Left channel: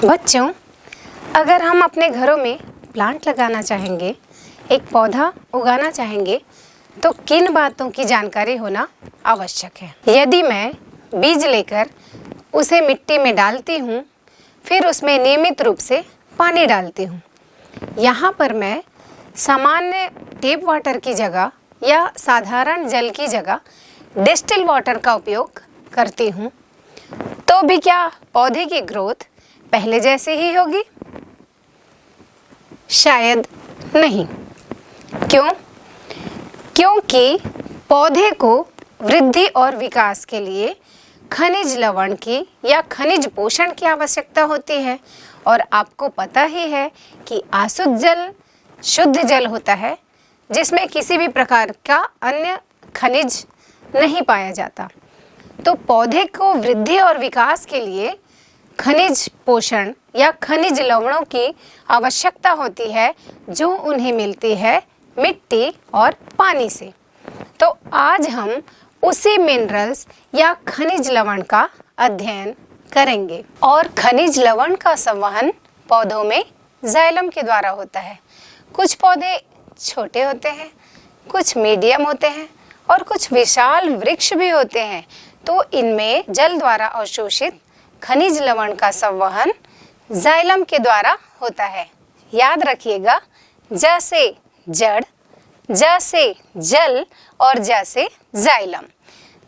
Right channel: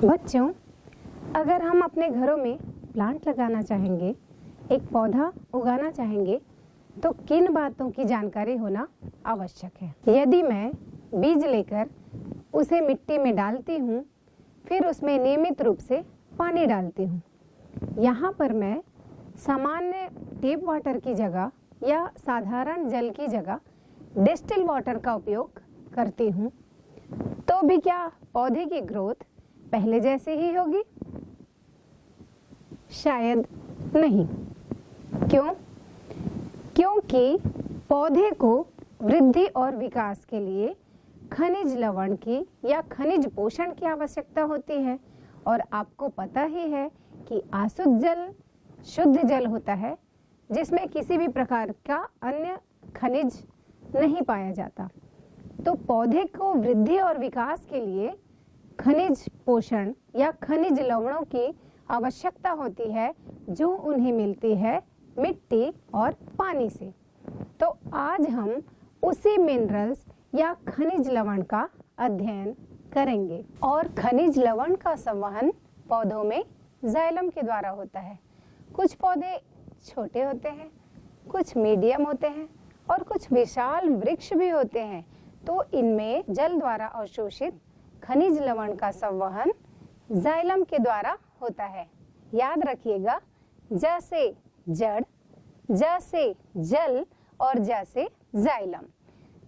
बच्चों, अगर हम अपने घरों में प्लांट लगाना चाहेंगे, एक पौधा उगाना चाहेंगे, तो किन बातों की जानकारी होना आवश्यक है। यदि मैं बीज लेकर उसे मिट्टी में डालती हूँ, फिर उसमें नियमित रूप से पानी डालती हूँ। यहाँ पर मैं सामान्य टैप वाटर की जगह या साधारण जल की जगह डिस्टिल वाटर का उपयोग करती हूँ, तो भी क्या पौधे की ग्रोथ पहले जैसी ही होगी? शायद नहीं। क्यों? क्योंकि पौधे को वृद्धि और विकास के लिए खनिज लवण की या खनिज पोषण की आवश्यकता होती है, और आपको पता ही है कि आसुत जल शुद्ध जल होता है जिसमें किसी भी प्रकार का अन्य खनिज नहीं पाया जाता। तो पौधे को वृद्धि और विकास के लिए खनिज पोषण या खनिज लवणों की आवश्यकता होती है, जो उन्हें मिलती है मिट्टी और पानी से। तो आज हम उसी मिनरल्स या खनिज लवण का अध्ययन करेंगे। और खनिज लवण का संवहन पौधों में जाइलम के द्वारा होता है। कुछ पौधे छोटे होते हैं, कुछ मीडियम होते हैं और कुछ विशाल वृक्ष भी होते हैं। तो इनमें जल द्वारा अवशोषित खनिज लवण का संवहन जाइलम के द्वारा होता है। याद रखिएगा, जैसे जड़, जैसे जल और जैसे जाइलम।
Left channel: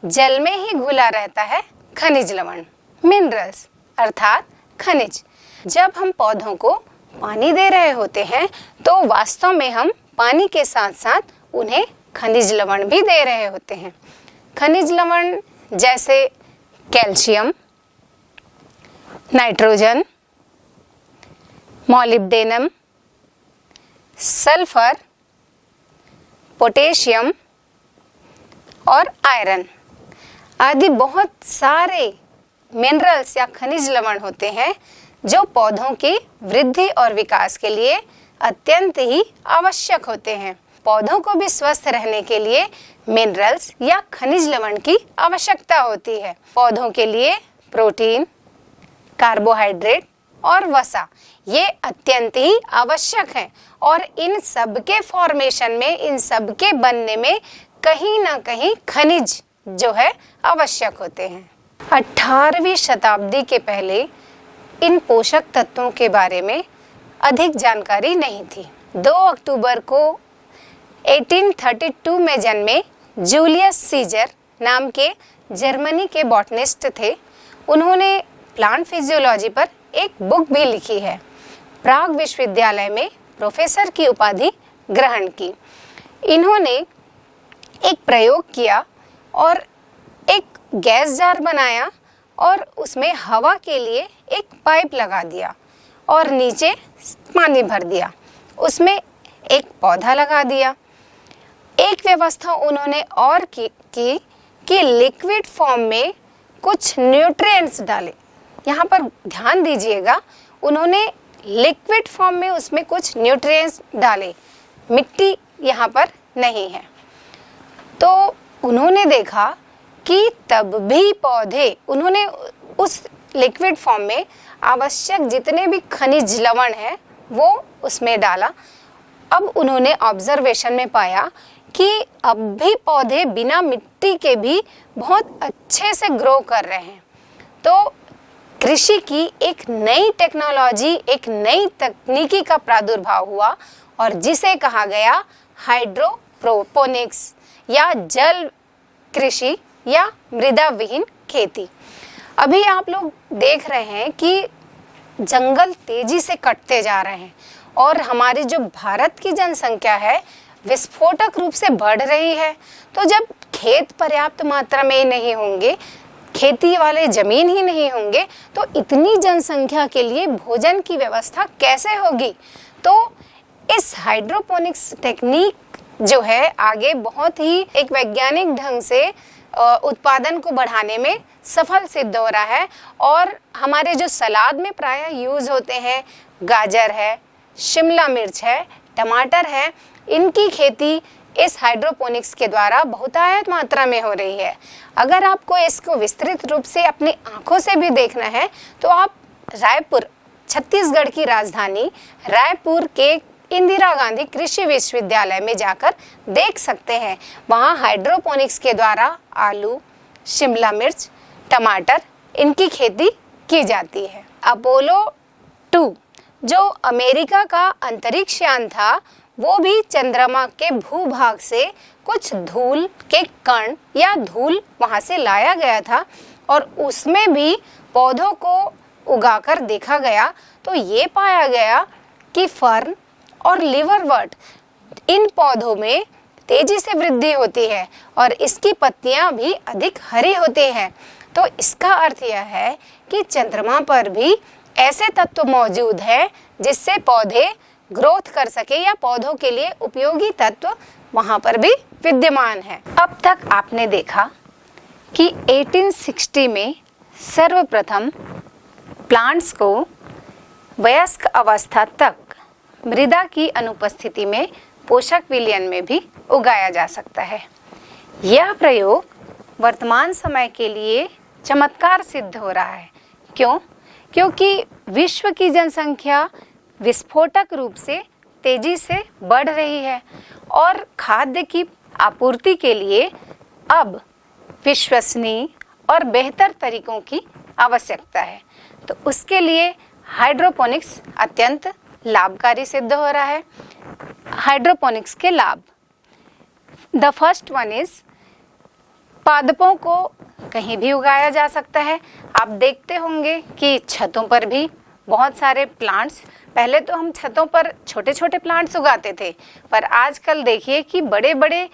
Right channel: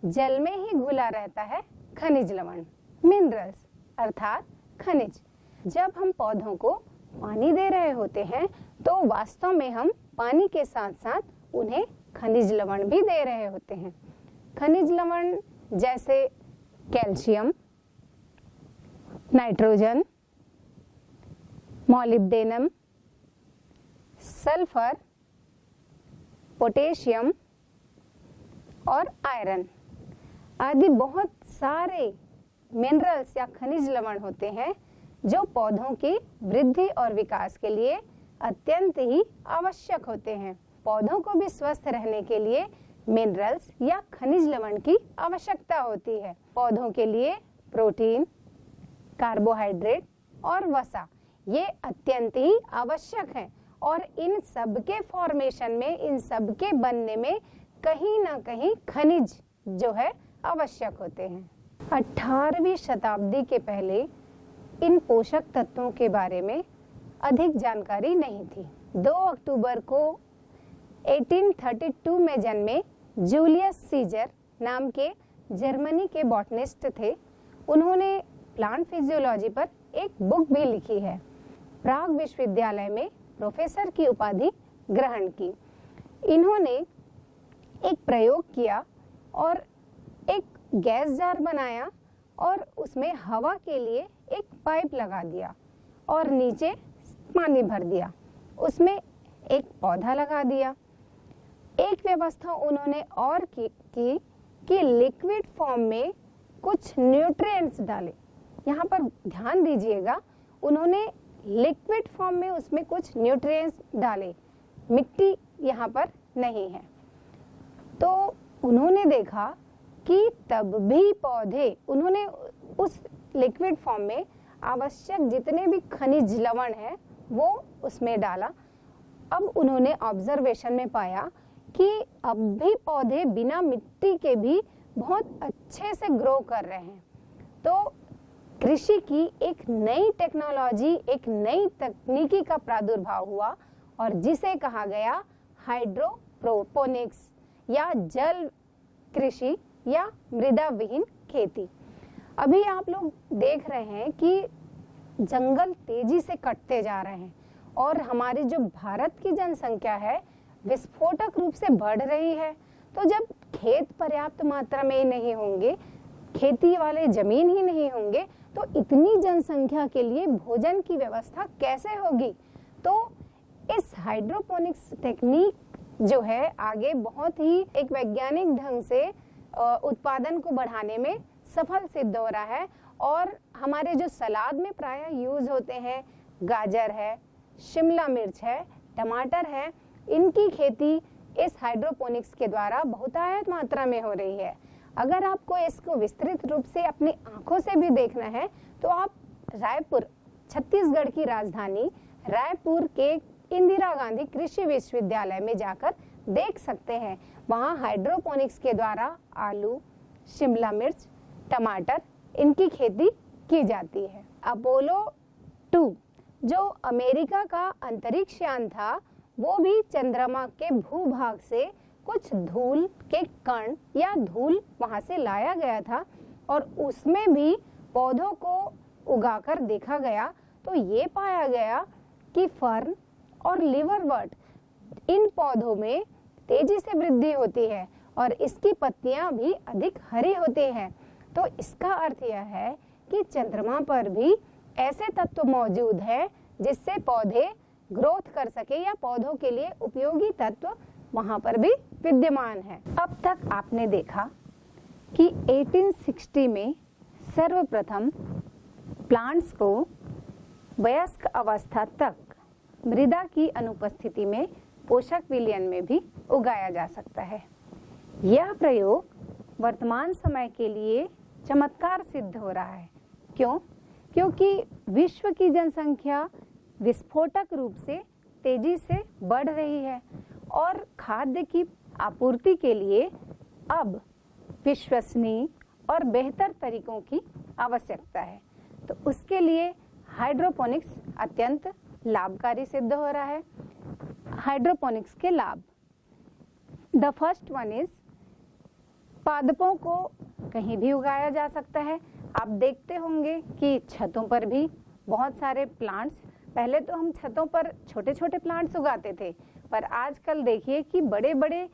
जल में ही घुला रहता है खनिज लवण, मिनरल्स अर्थात खनिज। जब हम पौधों को पानी दे रहे होते हैं तो वास्तव में हम पानी के साथ साथ उन्हें खनिज लवण भी दे रहे होते हैं। खनिज लवण जैसे calcium, nitrogen, molybdenum, sulphur, potassium और आयरन आदि बहुत सारे मिनरल्स या खनिज लवण होते हैं जो पौधों की वृद्धि और विकास के लिए अत्यंत ही आवश्यक होते हैं। पौधों को भी स्वस्थ रहने के लिए मिनरल्स या खनिज लवण की आवश्यकता होती है। पौधों के लिए प्रोटीन, कार्बोहाइड्रेट और वसा ये अत्यंत ही आवश्यक हैं, और इन सब के फॉर्मेशन में, इन सब के बनने में कहीं ना कहीं खनिज जो है आवश्यक होते हैं। 18वीं शताब्दी के पहले इन पोषक तत्वों के बारे में अधिक जानकारी नहीं थी। 2 अक्टूबर को 1832 में जन्मे जूलियस सीजर नाम के जर्मनी के बॉटनिस्ट थे। उन्होंने प्लांट फिजियोलॉजी पर एक बुक भी लिखी है। प्राग विश्वविद्यालय में प्रोफेसर की उपाधि ग्रहण की। इन्होंने एक प्रयोग किया और एक गैस जार बनाया और उसमें हवा के लिए एक पाइप लगा दिया और नीचे पानी भर दिया। उसमें एक पौधा लगा दिया। एक व्यवस्था उन्होंने और की कि लिक्विड फॉर्म में कुछ न्यूट्रिएंट्स डाले। यहाँ पर ध्यान दीजिएगा, उन्होंने लिक्विड फॉर्म में उसमें कुछ न्यूट्रिएंट्स डाले, मिट्टी यहाँ पर नहीं है। तो उन्होंने देखा कि तब भी पौधे, उन्होंने उस लिक्विड फॉर्म में आवश्यक जितने भी खनिज लवण हैं वो उसमें डाला। अब उन्होंने ऑब्जर्वेशन में पाया कि अब भी पौधे बिना मिट्टी के भी बहुत अच्छे से ग्रो कर रहे हैं। तो कृषि की एक नई टेक्नोलॉजी, एक नई तकनीकी का प्रादुर्भाव हुआ, और जिसे कहा गया हाइड्रोपोनिक्स या जल कृषि या मृदा विहीन खेती। अभी आप लोग देख रहे हैं कि जंगल तेजी से कटते जा रहे हैं, और हमारी जो भारत की जनसंख्या है विस्फोटक रूप से बढ़ रही है। तो जब खेत पर्याप्त मात्रा में नहीं होंगे, खेती वाले जमीन ही नहीं होंगे, तो इतनी जनसंख्या के लिए भोजन की व्यवस्था कैसे होगी? तो इस हाइड्रोपोनिक्स टेक्निक जो है आगे बहुत ही एक वैज्ञानिक ढंग से उत्पादन को बढ़ाने में सफल सिद्ध हो रहा है। और हमारे जो सलाद में प्रायः यूज होते हैं, गाजर है, शिमला मिर्च है, टमाटर है, इनकी खेती इस हाइड्रोपोनिक्स के द्वारा बहुतायत मात्रा में हो रही है। अगर आपको इसको विस्तृत रूप से अपनी आंखों से भी देखना है तो आप रायपुर छत्तीसगढ़ की राजधानी रायपुर के इंदिरा गांधी कृषि विश्वविद्यालय में जाकर देख सकते हैं। वहाँ हाइड्रोपोनिक्स के द्वारा आलू, शिमला मिर्च, टमाटर इनकी खेती की जाती है। अपोलो 2 जो अमेरिका का अंतरिक्ष यान था, वो भी चंद्रमा के भूभाग से कुछ धूल के कण या धूल वहाँ से लाया गया था और उसमें भी पौधों को उगाकर देखा गया तो ये पाया गया कि फर्न और लिवरवर्ट इन पौधों में तेजी से वृद्धि होती है और इसकी पत्तियां भी अधिक हरी होती हैं। तो इसका अर्थ यह है कि चंद्रमा पर भी ऐसे तत्व मौजूद हैं जिससे पौधे ग्रोथ कर सके या पौधों के लिए उपयोगी तत्व वहां पर भी विद्यमान है। अब तक आपने देखा कि 1860 में सर्वप्रथम प्लांट्स को वयस्क अवस्था तक मृदा की अनुपस्थिति में पोषक विलयन में भी उगाया जा सकता है। यह प्रयोग वर्तमान समय के लिए चमत्कार सिद्ध हो रहा है। क्यों? क्योंकि विश्व की जनसंख्या विस्फोटक रूप से तेजी से बढ़ रही है और खाद्य की आपूर्ति के लिए अब विश्वसनीय और बेहतर तरीकों की आवश्यकता है। तो उसके लिए हाइड्रोपोनिक्स अत्यंत लाभकारी सिद्ध हो रहा है। हाइड्रोपोनिक्स के लाभ, द फर्स्ट वन इज पादपों को कहीं भी उगाया जा सकता है। आप देखते होंगे कि छतों पर भी बहुत सारे प्लांट्स, पहले तो हम छतों पर छोटे छोटे प्लांट्स उगाते थे, पर आजकल देखिए कि बड़े बड़े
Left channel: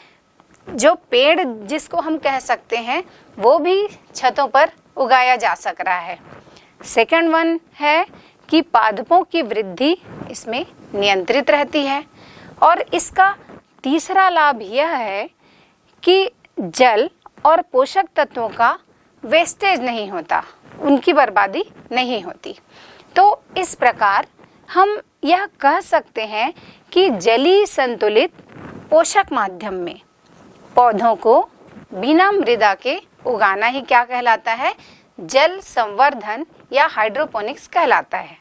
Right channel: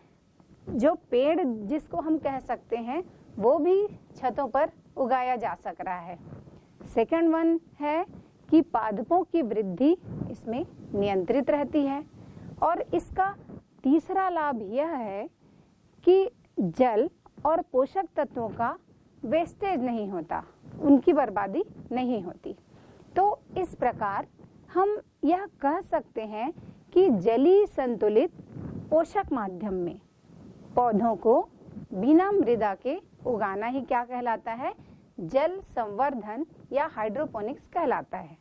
जो पेड़ जिसको हम कह सकते हैं वो भी छतों पर उगाया जा सक रहा है। सेकंड वन है कि पादपों की वृद्धि इसमें नियंत्रित रहती है और इसका तीसरा लाभ यह है कि जल और पोषक तत्वों का वेस्टेज नहीं होता, उनकी बर्बादी नहीं होती। तो इस प्रकार हम यह कह सकते हैं कि जलीय संतुलित पोषक माध्यम में पौधों को बिना मृदा के उगाना ही क्या कहलाता है? जल संवर्धन या हाइड्रोपोनिक्स कहलाता है।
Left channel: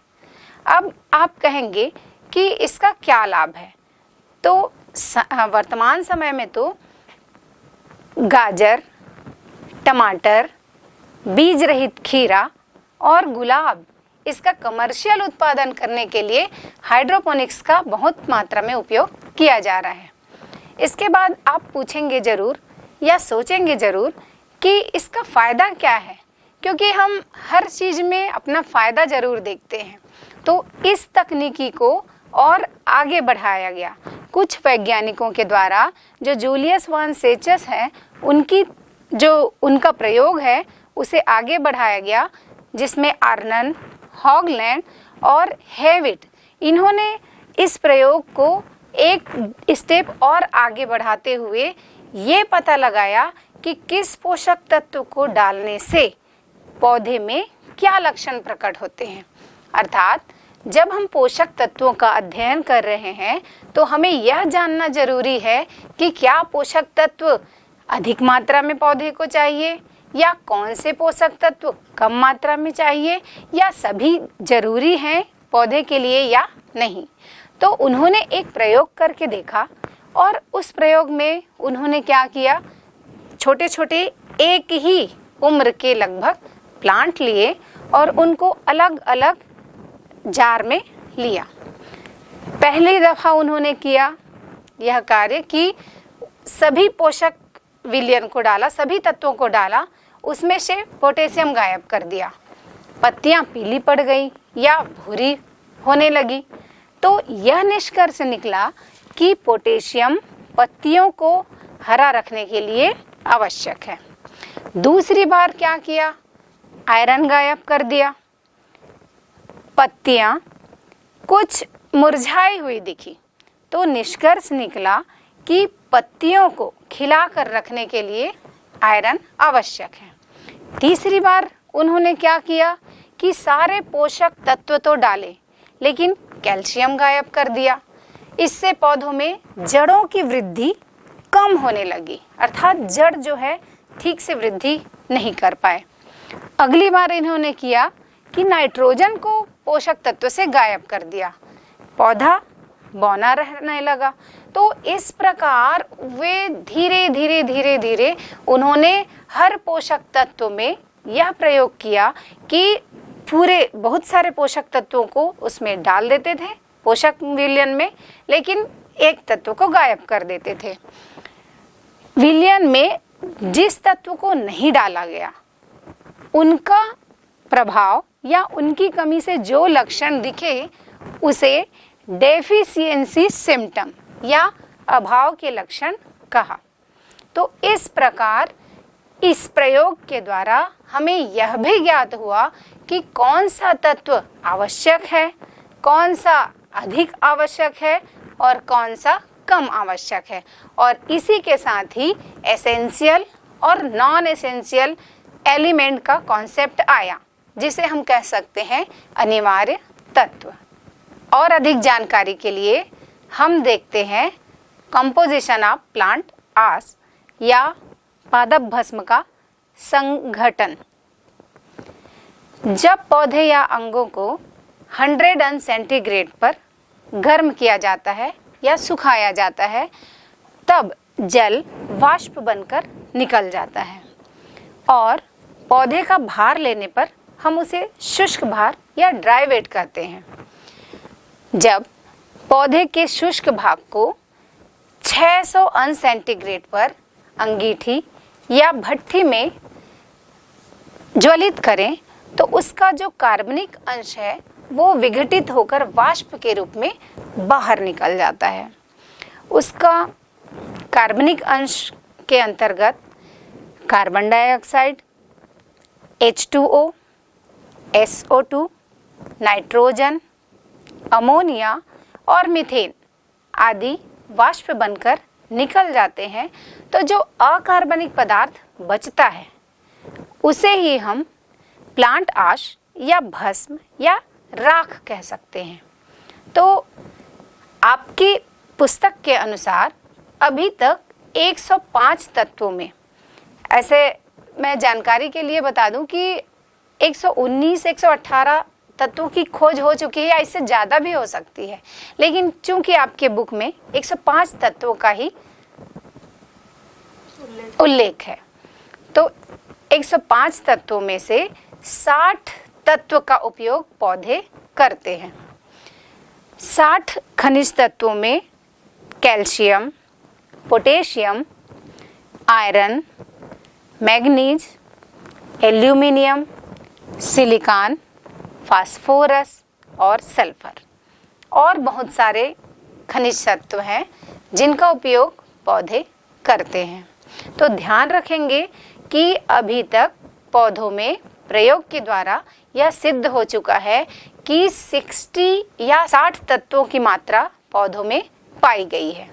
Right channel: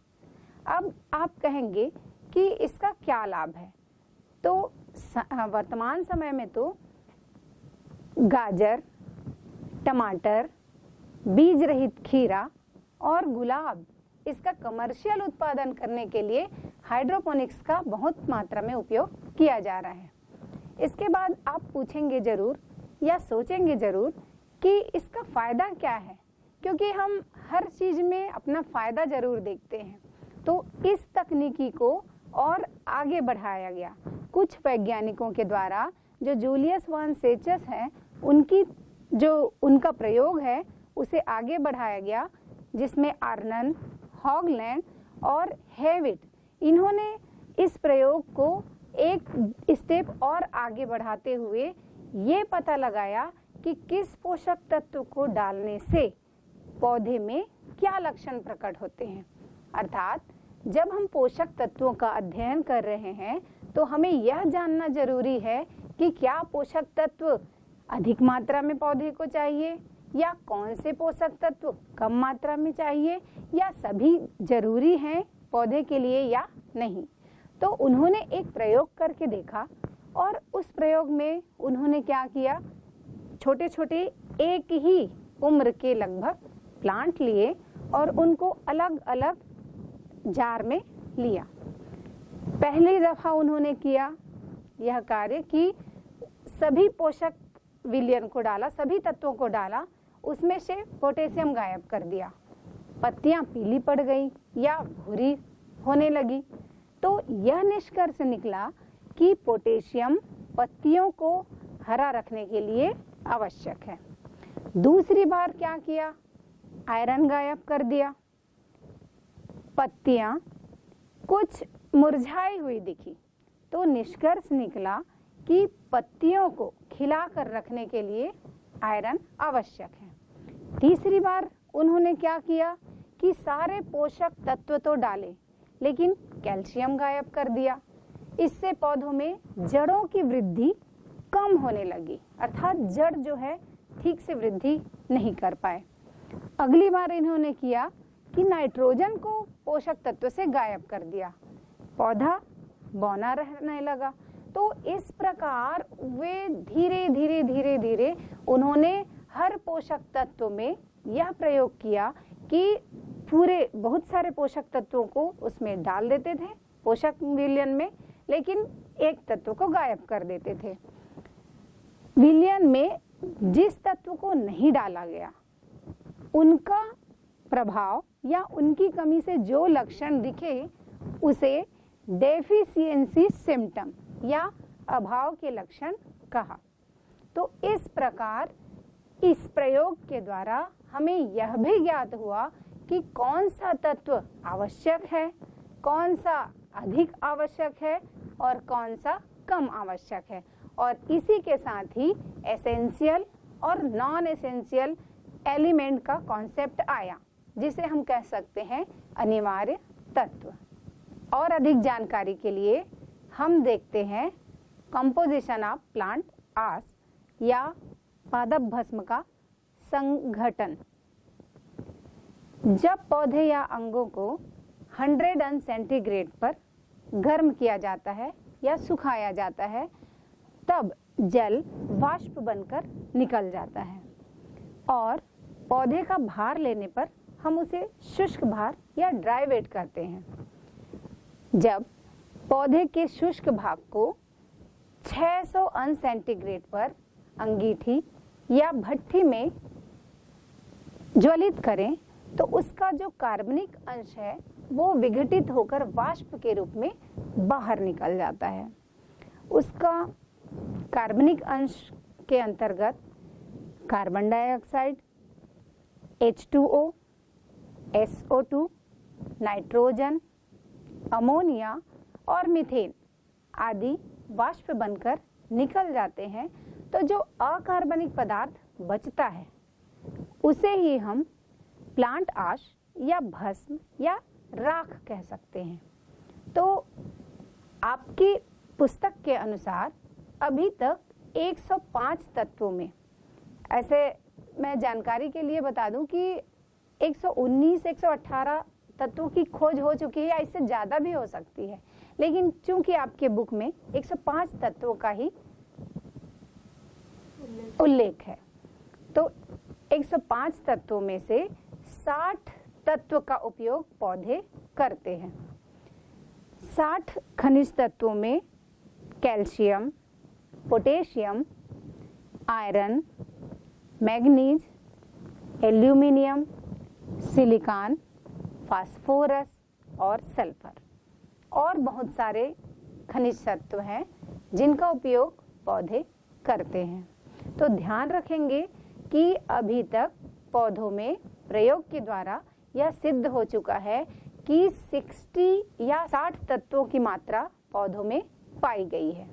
अब आप कहेंगे कि इसका क्या लाभ है? तो वर्तमान समय में तो गाजर, टमाटर, बीज रहित खीरा और गुलाब इसका कमर्शियल उत्पादन करने के लिए हाइड्रोपोनिक्स का बहुत मात्रा में उपयोग किया जा रहा है। इसके बाद आप पूछेंगे ज़रूर या सोचेंगे ज़रूर कि इसका फ़ायदा क्या है, क्योंकि हम हर चीज़ में अपना फ़ायदा ज़रूर देखते हैं। तो इस तकनीकी को और आगे बढ़ाया गया। कुछ वैज्ञानिकों के द्वारा, जो जूलियस वान सेचस हैं, उनका प्रयोग है उसे आगे बढ़ाया गया, जिसमें आर्नन, हॉगलैंड और हेविट इन्होंने इस प्रयोग को एक स्टेप और आगे बढ़ाते हुए ये पता लगाया कि किस पोषक तत्व को डालने से पौधे में क्या लक्षण प्रकट होते हैं। अर्थात जब हम पोषक तत्वों का अध्ययन कर रहे हैं तो हमें यह जानना जरूरी है कि क्या पोषक तत्व अधिक मात्रा में पौधे को चाहिए या कौन से पोषक तत्व कम मात्रा में चाहिए या सभी जरूरी हैं पौधे के लिए या नहीं। तो उन्होंने एक प्रयोग करके देखा और उस प्रयोग में उन्होंने क्या किया, छोटे छोटे एक ही उम्र के लगभग प्लांट लिए और उनको अलग अलग जार में लिया। पहली दफ़ा उन्होंने किया यह कार्य कि सभी पोषक विलयन को डाला, सभी तत्वों को डाला, उसमें से पोटेशियम गायब कर दिया। पत्तियां पीली पड़ गई या भूरी होने लगी। तो यह निष्कर्ष निकला कि पोटेशियम पत्तियों को हरा रखने के लिए आवश्यक है। दूसरी बार क्या किया, आयरन गायब कर दिया। पत्तियां कुछ मुरझाई हुई दिखी तो निष्कर्ष निकला कि पत्तियों को खिलाकर रखने के लिए आयरन आवश्यक है। तीसरी बार उन्होंने क्या किया कि सारे पोषक तत्व तो डाले लेकिन कैल्शियम गायब कर दिया। इससे पौधों में जड़ों की वृद्धि कम होने लगी, अर्थात जड़ जो है ठीक से वृद्धि नहीं कर पाए। अगली बार इन्होंने किया कि नाइट्रोजन को पोषक तत्व से गायब कर दिया, पौधा बौना रहने लगा। तो इस प्रकार वे धीरे धीरे धीरे धीरे उन्होंने हर पोषक तत्व में यह प्रयोग किया कि पूरे बहुत सारे पोषक तत्वों को उसमें डाल देते थे पोषक विलयन में, लेकिन एक तत्व को गायब कर देते थे। विलयन में जिस तत्व को नहीं डाला गया उनका प्रभाव या उनकी कमी से जो लक्षण दिखे उसे डेफिशिएंसी सिम्टम या अभाव के लक्षण कहा। तो इस प्रकार इस प्रयोग के द्वारा हमें यह भी ज्ञात हुआ कि कौन सा तत्व आवश्यक है, कौन सा अधिक आवश्यक है और कौन सा कम आवश्यक है, और इसी के साथ ही एसेंशियल और नॉन एसेंशियल एलिमेंट का कॉन्सेप्ट आया, जिसे हम कह सकते हैं अनिवार्य तत्व। और अधिक जानकारी के लिए हम देखते हैं कंपोजिशन ऑफ प्लांट आस या पादप भस्म का संघटन। जब पौधे या अंगों को 100 अंश सेंटीग्रेड पर गर्म किया जाता है या सुखाया जाता है, तब जल वाष्प बनकर निकल जाता है और पौधे का भार लेने पर हम उसे शुष्क भार या ड्राई वेट कहते हैं। जब पौधे के शुष्क भाग को 600 अंश सेंटीग्रेड पर अंगीठी या भट्ठी में ज्वलित करें तो उसका जो कार्बनिक अंश है वो विघटित होकर वाष्प के रूप में बाहर निकल जाता है। उसका कार्बनिक अंश के अंतर्गत carbon dioxide, H2O, SO2, nitrogen, ammonia और मीथेन आदि वाष्प बनकर निकल जाते हैं। तो जो अकार्बनिक पदार्थ बचता है उसे ही हम प्लांट आश या भस्म या राख कह सकते हैं। तो आपकी पुस्तक के अनुसार अभी तक 105 तत्वों में, ऐसे मैं जानकारी के लिए बता दूं कि 119, 118 तत्वों की खोज हो चुकी है या इससे ज़्यादा भी हो सकती है, लेकिन चूंकि आपके बुक में 105 तत्वों का ही उल्लेख है, तो 105 तत्वों में से 60 तत्व का उपयोग पौधे करते हैं। 60 खनिज तत्वों में calcium, potassium, iron, manganese, aluminium, silicon, phosphorus और सल्फर और बहुत सारे खनिज तत्व हैं जिनका उपयोग पौधे करते हैं। तो ध्यान रखेंगे कि अभी तक पौधों में प्रयोग के द्वारा यह सिद्ध हो चुका है कि 60 या 60 तत्वों की मात्रा पौधों में पाई गई है।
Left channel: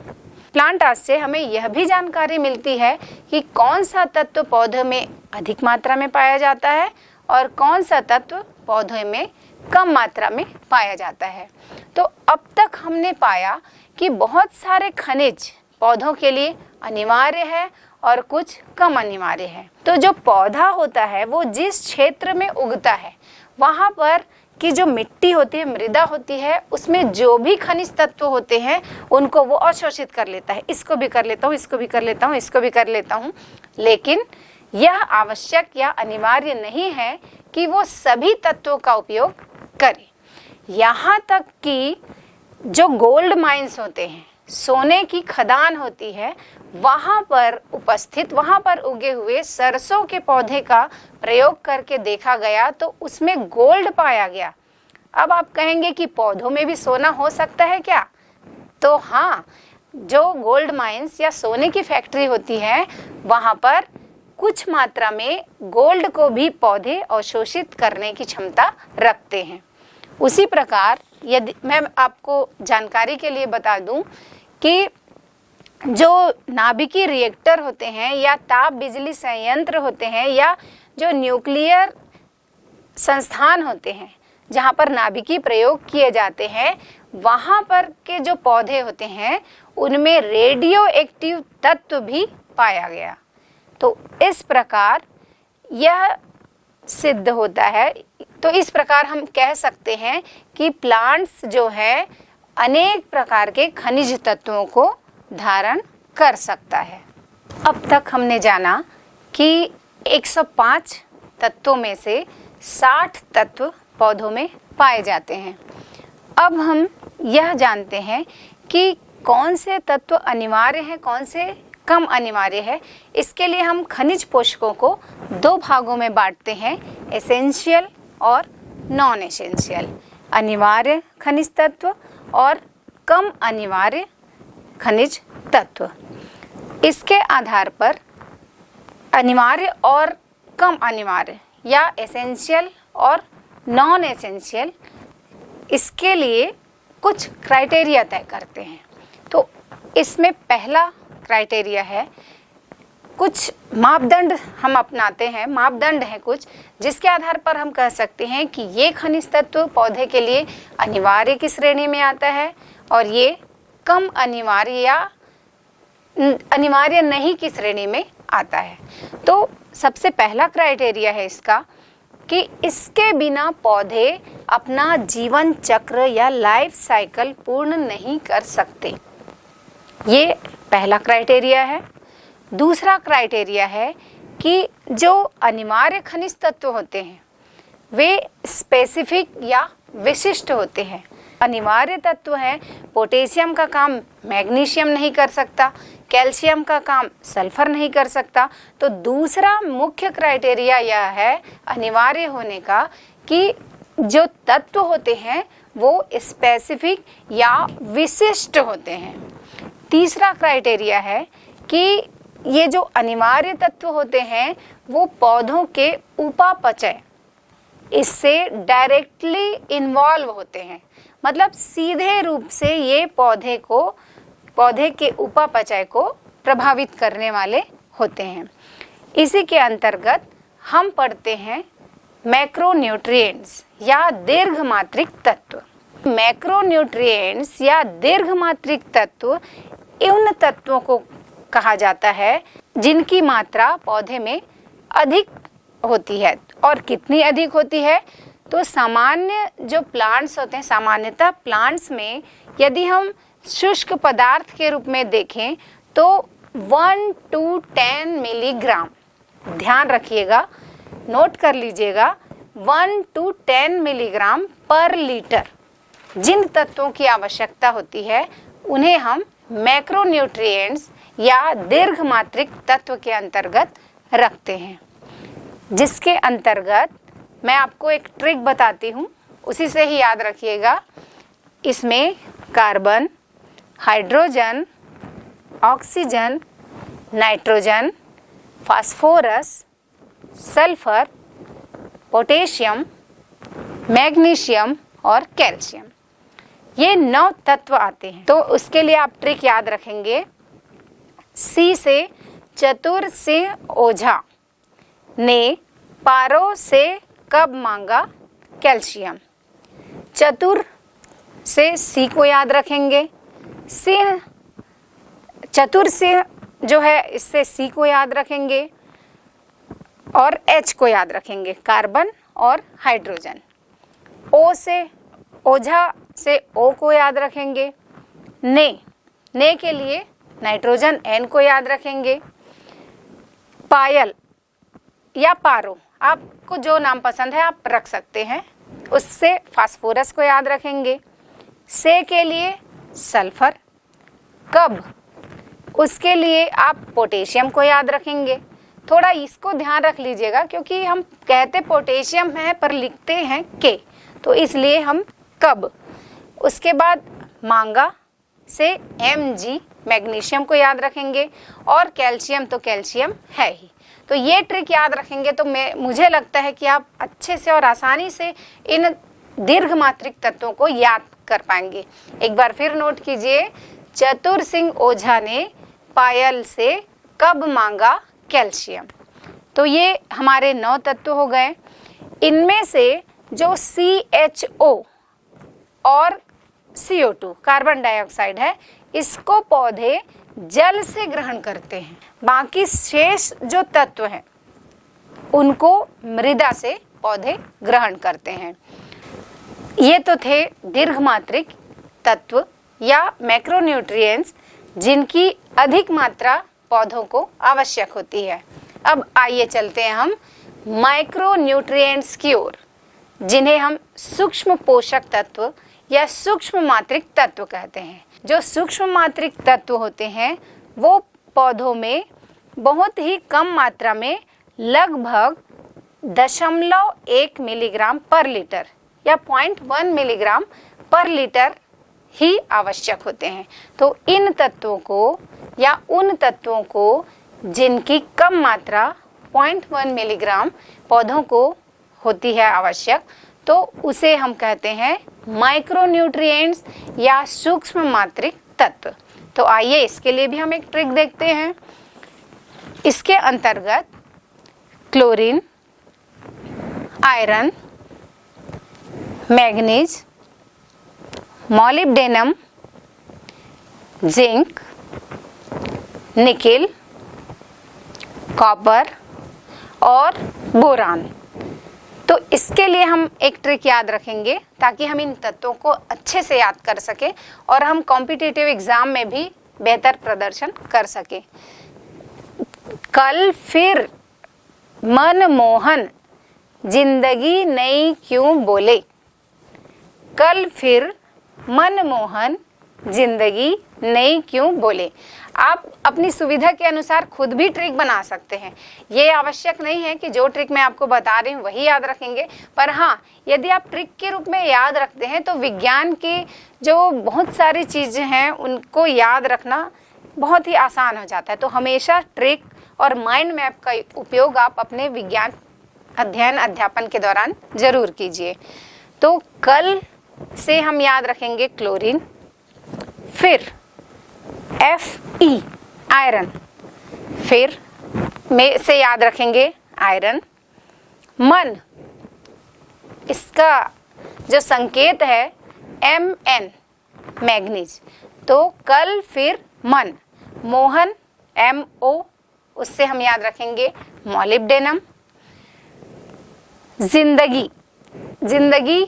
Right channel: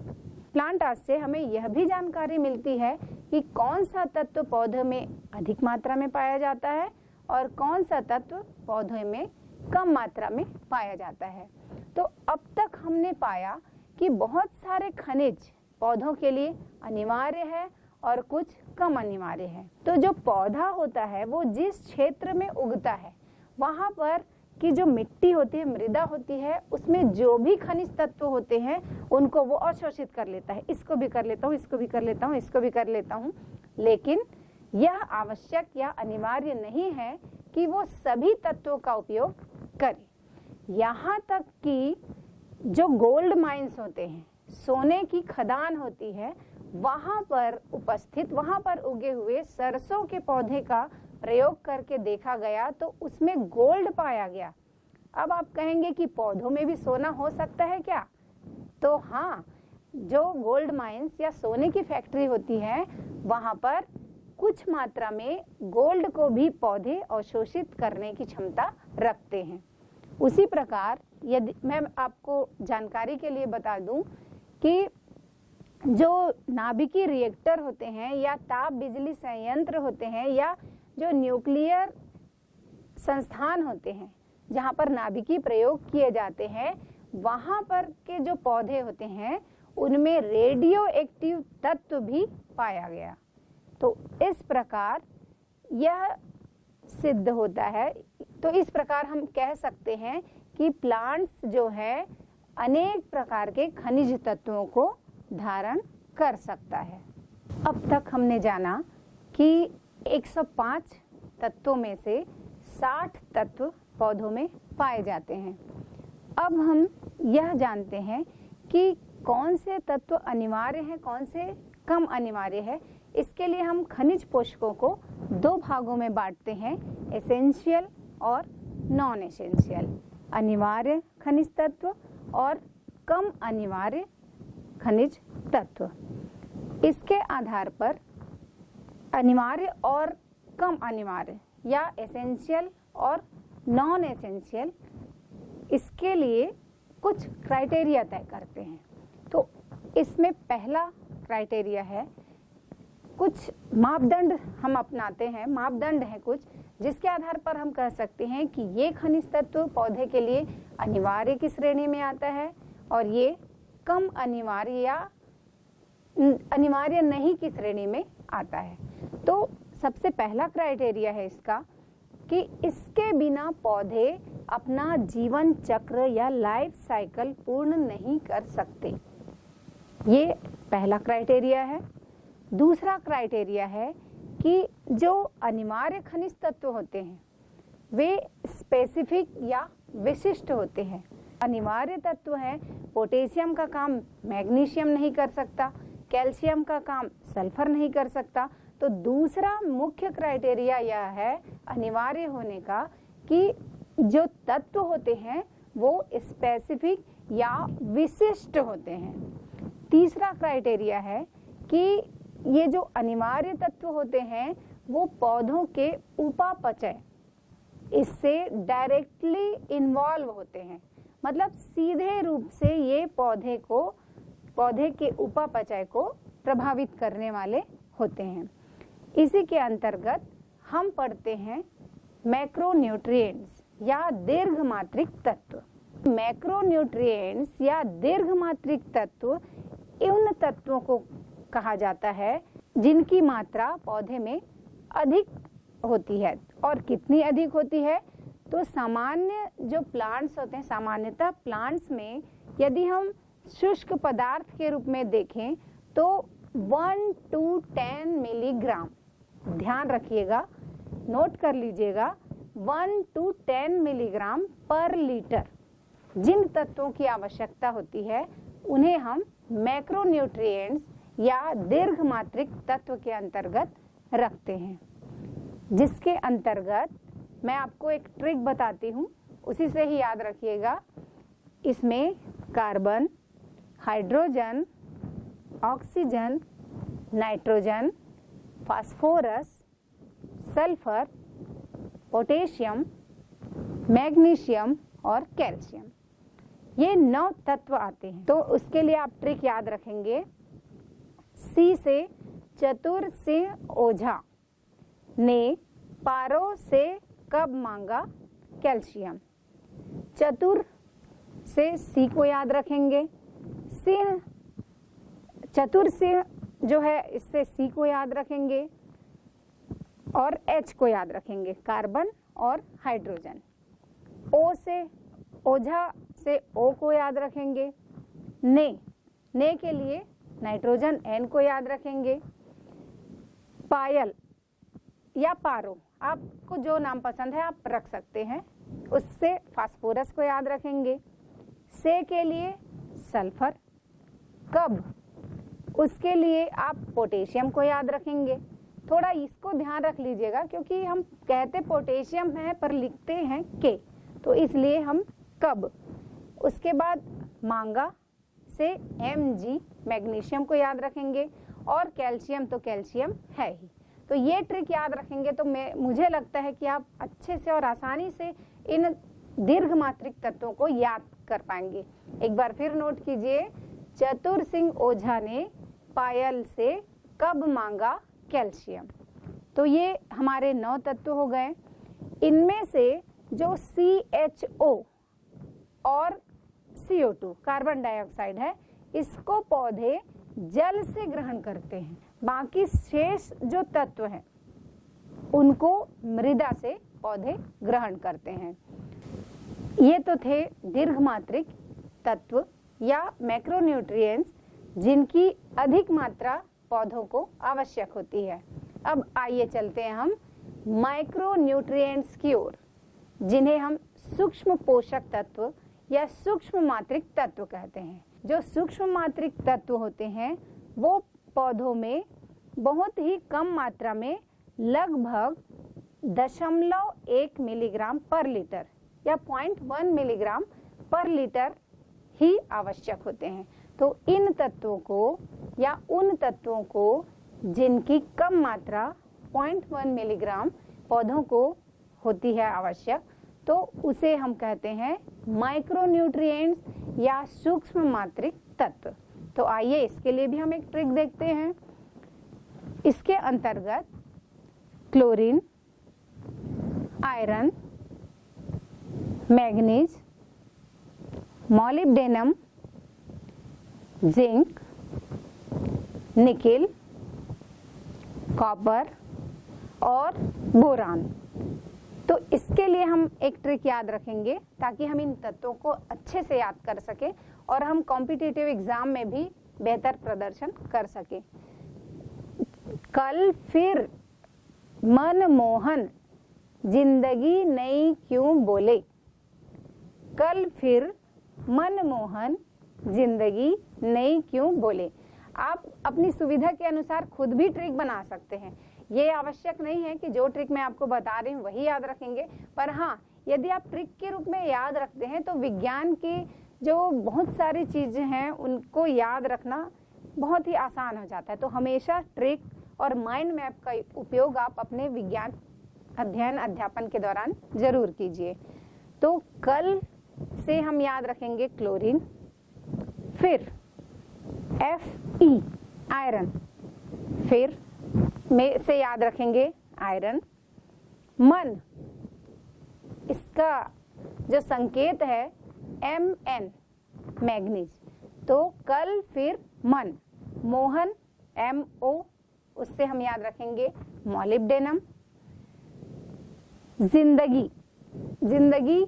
प्लांट आर्ट से हमें यह भी जानकारी मिलती है कि कौन सा तत्व पौधों में अधिक मात्रा में पाया जाता है और कौन सा तत्व पौधों में कम मात्रा में पाया जाता है। तो अब तक हमने पाया कि बहुत सारे खनिज पौधों के लिए अनिवार्य है और कुछ कम अनिवार्य है। तो जो पौधा होता है वो जिस क्षेत्र में उगता है वहाँ पर की जो मिट्टी होती है, मृदा होती है, उसमें जो भी खनिज तत्व होते हैं उनको वो अवशोषित कर लेता है। इसको भी कर लेता हूँ, इसको भी कर लेता हूँ, इसको भी कर लेता हूँ, लेकिन यह आवश्यक या अनिवार्य नहीं है कि वो सभी तत्वों का उपयोग करे। यहाँ तक कि जो गोल्ड माइंस होते हैं, सोने की खदान होती है, वहाँ पर उपस्थित, वहाँ पर उगे हुए सरसों के पौधे का प्रयोग करके देखा गया तो उसमें गोल्ड पाया गया। अब आप कहेंगे कि पौधों में भी सोना हो सकता है क्या? तो हाँ, जो गोल्ड माइंस या सोने की फैक्ट्री होती है वहाँ पर कुछ मात्रा में गोल्ड को भी पौधे अवशोषित करने की क्षमता रखते हैं। उसी प्रकार यदि मैं आपको जानकारी के लिए बता दूं कि जो नाभिकीय रिएक्टर होते हैं या ताप बिजली संयंत्र होते हैं या जो न्यूक्लियर संस्थान होते हैं जहाँ पर नाभिकीय प्रयोग किए जाते हैं, वहाँ पर के जो पौधे होते हैं उनमें रेडियो एक्टिव तत्व भी पाया गया। तो इस प्रकार यह सिद्ध होता है तो इस प्रकार हम कह सकते हैं कि प्लांट्स जो है अनेक प्रकार के खनिज तत्वों को धारण कर सकता है। अब तक हमने जाना कि 105 तत्वों में से 60 तत्व पौधों में पाए जाते हैं। अब हम यह जानते हैं कि कौन से तत्व अनिवार्य हैं, कौन से कम अनिवार्य है। इसके लिए हम खनिज पोषकों को 2 भागों में बांटते हैं, एसेंशियल और नॉन एसेंशियल, अनिवार्य खनिज तत्व और कम अनिवार्य खनिज तत्व। इसके आधार पर अनिवार्य और कम अनिवार्य या एसेंशियल और नॉन एसेंशियल, इसके लिए कुछ क्राइटेरिया तय करते हैं। तो इसमें पहला क्राइटेरिया है, कुछ मापदंड हम अपनाते हैं, मापदंड हैं कुछ, जिसके आधार पर हम कह सकते हैं कि ये खनिज तत्व पौधे के लिए अनिवार्य की श्रेणी में आता है और ये कम अनिवार्य या अनिवार्य नहीं की श्रेणी में आता है। तो सबसे पहला क्राइटेरिया है इसका कि इसके बिना पौधे अपना जीवन चक्र या लाइफ साइकिल पूर्ण नहीं कर सकते। ये पहला क्राइटेरिया है। दूसरा क्राइटेरिया है कि जो अनिवार्य खनिज तत्व होते हैं वे स्पेसिफिक या विशिष्ट होते हैं। अनिवार्य तत्व हैं, पोटेशियम का काम मैग्नीशियम नहीं कर सकता, कैल्शियम का काम सल्फर नहीं कर सकता। तो दूसरा मुख्य क्राइटेरिया यह है अनिवार्य होने का कि जो तत्व होते हैं वो स्पेसिफिक या विशिष्ट होते हैं। तीसरा क्राइटेरिया है कि ये जो अनिवार्य तत्व होते हैं वो पौधों के उपापचय इससे डायरेक्टली इन्वॉल्व होते हैं, मतलब सीधे रूप से ये पौधे के उपापचय को प्रभावित करने वाले होते हैं। इसी के अंतर्गत हम पढ़ते हैं मैक्रोन्यूट्रिएंट्स या दीर्घमात्रिक तत्व। मैक्रोन्यूट्रिएंट्स या दीर्घमात्रिक तत्व उन तत्वों को कहा जाता है जिनकी मात्रा पौधे में अधिक होती है। और कितनी अधिक होती है? तो सामान्य जो प्लांट्स होते हैं, सामान्यतः प्लांट्स में यदि हम शुष्क पदार्थ के रूप में देखें तो 1 to 10 मिलीग्राम, ध्यान रखिएगा, नोट कर लीजिएगा, 1 to 10 मिलीग्राम पर लीटर जिन तत्वों की आवश्यकता होती है उन्हें हम मैक्रोन्यूट्रिएंट्स या दीर्घमात्रिक तत्व के अंतर्गत रखते हैं। जिसके अंतर्गत मैं आपको एक ट्रिक बताती हूँ, उसी से ही याद रखिएगा। इसमें carbon, hydrogen, oxygen, nitrogen, phosphorus, sulphur, potassium, magnesium और कैल्शियम, ये 9 तत्व आते हैं। तो उसके लिए आप ट्रिक याद रखेंगे। सी से चतुर सिंह ओझा ने पारो से कब मांगा कैल्शियम। चतुर से सी को याद रखेंगे, सिंह, चतुर सिंह जो है इससे सी को याद रखेंगे और एच को याद रखेंगे, कार्बन और हाइड्रोजन। ओ से ओझा से ओ को याद रखेंगे, ने के लिए नाइट्रोजन एन को याद रखेंगे, पायल या पारो, आपको जो नाम पसंद है आप रख सकते हैं, उससे फास्फोरस को याद रखेंगे। से के लिए सल्फर, कब, उसके लिए आप पोटेशियम को याद रखेंगे। थोड़ा इसको ध्यान रख लीजिएगा क्योंकि हम कहते पोटेशियम है पर लिखते हैं के, तो इसलिए हम कब। उसके बाद मांगा से Mg मैग्नीशियम को याद रखेंगे और कैल्शियम तो कैल्शियम है ही। तो ये ट्रिक याद रखेंगे तो मुझे लगता है कि आप अच्छे से और आसानी से इन दीर्घमात्रिक तत्वों को याद कर पाएंगे। एक बार फिर नोट कीजिए, चतुर सिंह ओझा ने पायल से कब मांगा कैल्शियम। तो ये हमारे 9 तत्व हो गए। इनमें से जो CHO और CO2 कार्बन डाइऑक्साइड है, इसको पौधे जल से ग्रहण करते हैं। बाकी शेष जो तत्व हैं उनको मृदा से पौधे ग्रहण करते हैं। ये तो थे दीर्घमात्रिक तत्व या मैक्रोन्यूट्रिएंट्स जिनकी अधिक मात्रा पौधों को आवश्यक होती है। अब आइए चलते हैं हम माइक्रोन्यूट्रिएंट्स की ओर, जिन्हें हम सूक्ष्म पोषक तत्व या सूक्ष्म मात्रिक तत्व कहते हैं। जो सूक्ष्म मात्रिक तत्व होते हैं वो पौधों में बहुत ही कम मात्रा में लगभग 0.1 मिलीग्राम पर लीटर या 0.1 मिलीग्राम पर लीटर ही आवश्यक होते हैं। तो इन तत्वों को या उन तत्वों को जिनकी कम मात्रा 0.1 मिलीग्राम पौधों को होती है आवश्यक, तो उसे हम कहते हैं माइक्रोन्यूट्रिएंट्स या सूक्ष्म मात्रिक तत्व। तो आइए इसके लिए भी हम एक ट्रिक देखते हैं। इसके अंतर्गत chlorine, iron, manganese, molybdenum, zinc, nickel, copper और बोरान। तो इसके लिए हम एक ट्रिक याद रखेंगे ताकि हम इन तत्वों को अच्छे से याद कर सकें और हम कॉम्पिटिटिव एग्जाम में भी बेहतर प्रदर्शन कर सकें। कल फिर मनमोहन जिंदगी नई क्यों बोले। कल फिर मनमोहन जिंदगी नई क्यों बोले। आप अपनी सुविधा के अनुसार खुद भी ट्रिक बना सकते हैं। ये आवश्यक नहीं है कि जो ट्रिक मैं आपको बता रही हूँ वही याद रखेंगे, पर हाँ, यदि आप ट्रिक के रूप में याद रखते हैं तो विज्ञान की जो बहुत सारी चीज़ें हैं उनको याद रखना बहुत ही आसान हो जाता है। तो हमेशा ट्रिक और माइंड मैप का उपयोग आप अपने विज्ञान अध्ययन अध्यापन के दौरान जरूर कीजिए। तो कल से हम याद रखेंगे क्लोरीन, फिर Fe आयरन, फिर में से याद रखेंगे आयरन। मन, इसका जो संकेत है Mn मैग्नीज। तो कल फिर मन, मोहन Mo, उससे हम याद रखेंगे मॉलिब्डेनम। जिंदगी, जिंदगी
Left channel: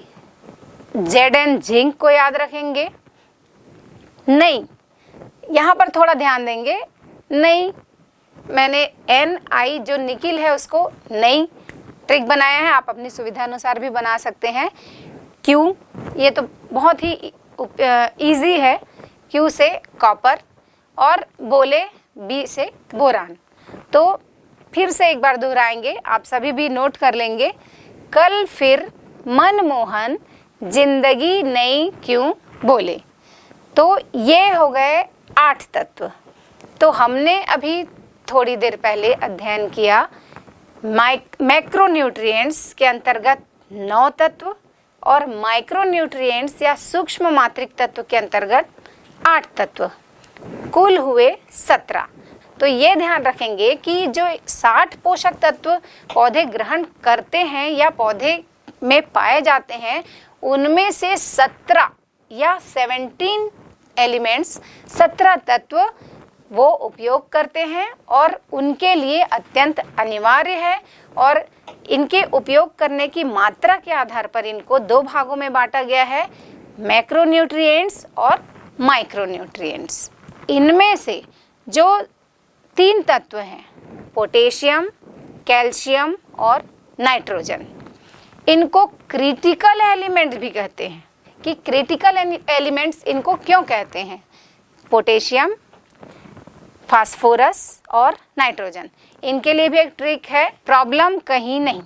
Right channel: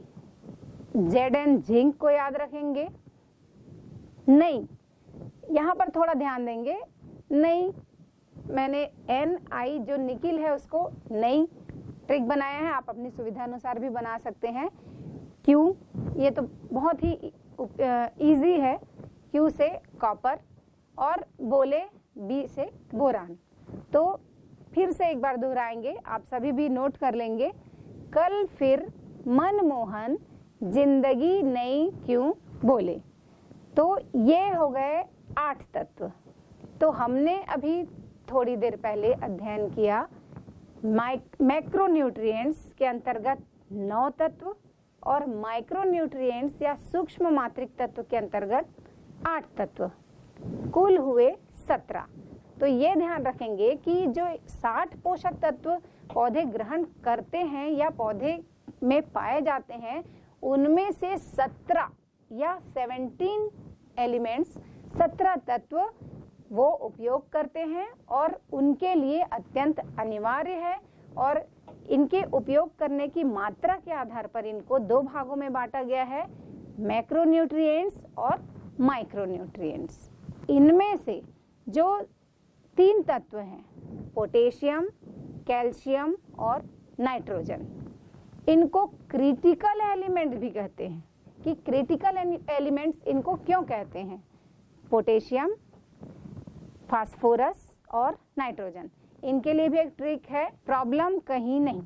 Zn जिंक को याद रखेंगे। नहीं, यहाँ पर थोड़ा ध्यान देंगे, नहीं मैंने Ni जो निकिल है उसको नहीं ट्रिक बनाया है, आप अपनी सुविधा अनुसार भी बना सकते हैं। क्यों, ये तो बहुत ही इजी है। क्यू से कॉपर और बोले बी से बोरान। तो फिर से एक बार दोहराएंगे, आप सभी भी नोट कर लेंगे। कल फिर मनमोहन जिंदगी नई क्यों बोले। तो ये हो गए 8 तत्व। तो हमने अभी थोड़ी देर पहले अध्ययन किया मैक्रोन्यूट्रिएंट्स के अंतर्गत 9 तत्व और माइक्रोन्यूट्रिएंट्स या सूक्ष्म मात्रिक तत्व के अंतर्गत 8 तत्व, कुल हुए 17। तो ये ध्यान रखेंगे कि जो 60 पोषक तत्व पौधे ग्रहण करते हैं या पौधे में पाए जाते हैं, उनमें से 17 या 17 एलिमेंट्स, 17 तत्व वो उपयोग करते हैं और उनके लिए अत्यंत अनिवार्य है। और इनके उपयोग करने की मात्रा के आधार पर इनको 2 भागों में बांटा गया है, मैक्रोन्यूट्रिएंट्स और माइक्रोन्यूट्रिएंट्स। इनमें से जो 3 तत्व हैं, पोटेशियम, कैल्शियम और नाइट्रोजन, इनको क्रिटिकल एलिमेंट्स भी कहते हैं। कि क्रिटिकल एलिमेंट्स इनको क्यों कहते हैं? पोटेशियम, फास्फोरस और नाइट्रोजन, इनके लिए भी एक ट्रिक है, प्रॉब्लम कहीं नहीं।